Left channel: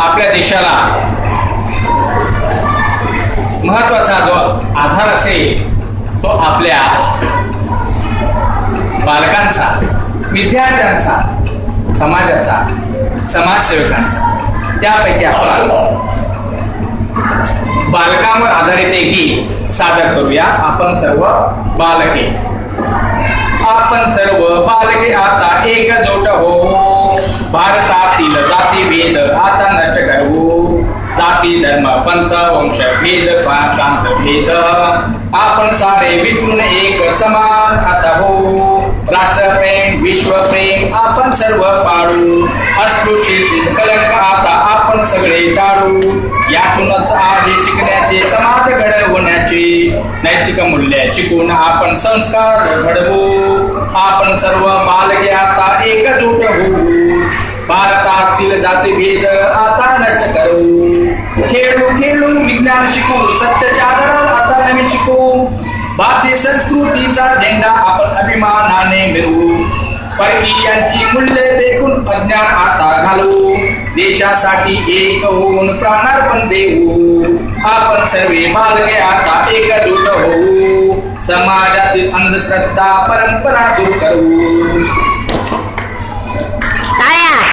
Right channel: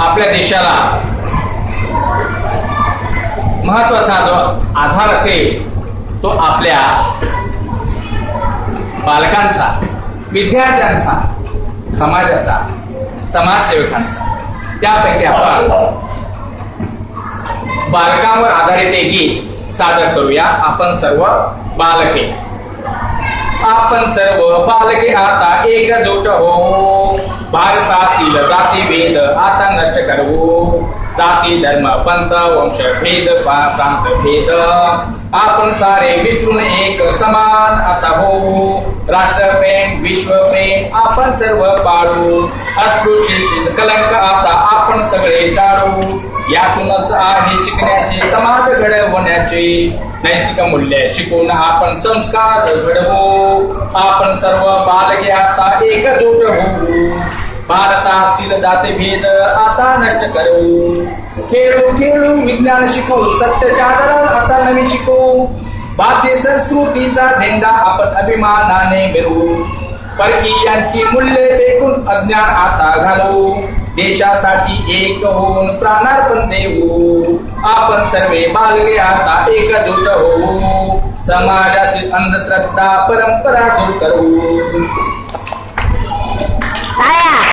आपल्या देशाला महत्त्वाचा जो आधार असेल तो आपल्या बालकांचा विद्यार्थ्यांचा समाजाचा समाजसेवकांचा. त्यापैकी आपण बालकांवर आधारित एक गीत सादर करूया. आपण सर्व बालके. आपण सर्व बालके आता एकजोट हो. भारतातील जाती भेद आता नष्ट करू जाती पंत वंश भेद प्रांत भेद आपण सारे विष्णू एक समान आता हो राष्ट्रप्रेम विश्वप्रेम आपण सर्व पाडू. अस्पृश्यतेचे कलंक आता आपण सगळे टाळू. यातूनच आहे शिकण्याचे समाज घडवण्याचे. नैतिक मूल्य शिकून आपण संस्कार घडवू. आपण सर्व बालके आता एकजूट होऊ. भारतातील जातीभेद आता नष्ट करू. खेळू विज्ञान शिकू सत्याच्या आता नवीन शिकू. भारतीय संस्कृतीचा झेंडा आपण अभिमानाने मिळवू परकीयांची मूल्य देखून अज्ञान आता घालू. देशासाठी एक होऊन प्राणार्पण देऊ. आपण सर्वे मागले आता एकजूट होऊ. समाजातील अंधश्रद्धा परंपरा दूर करू.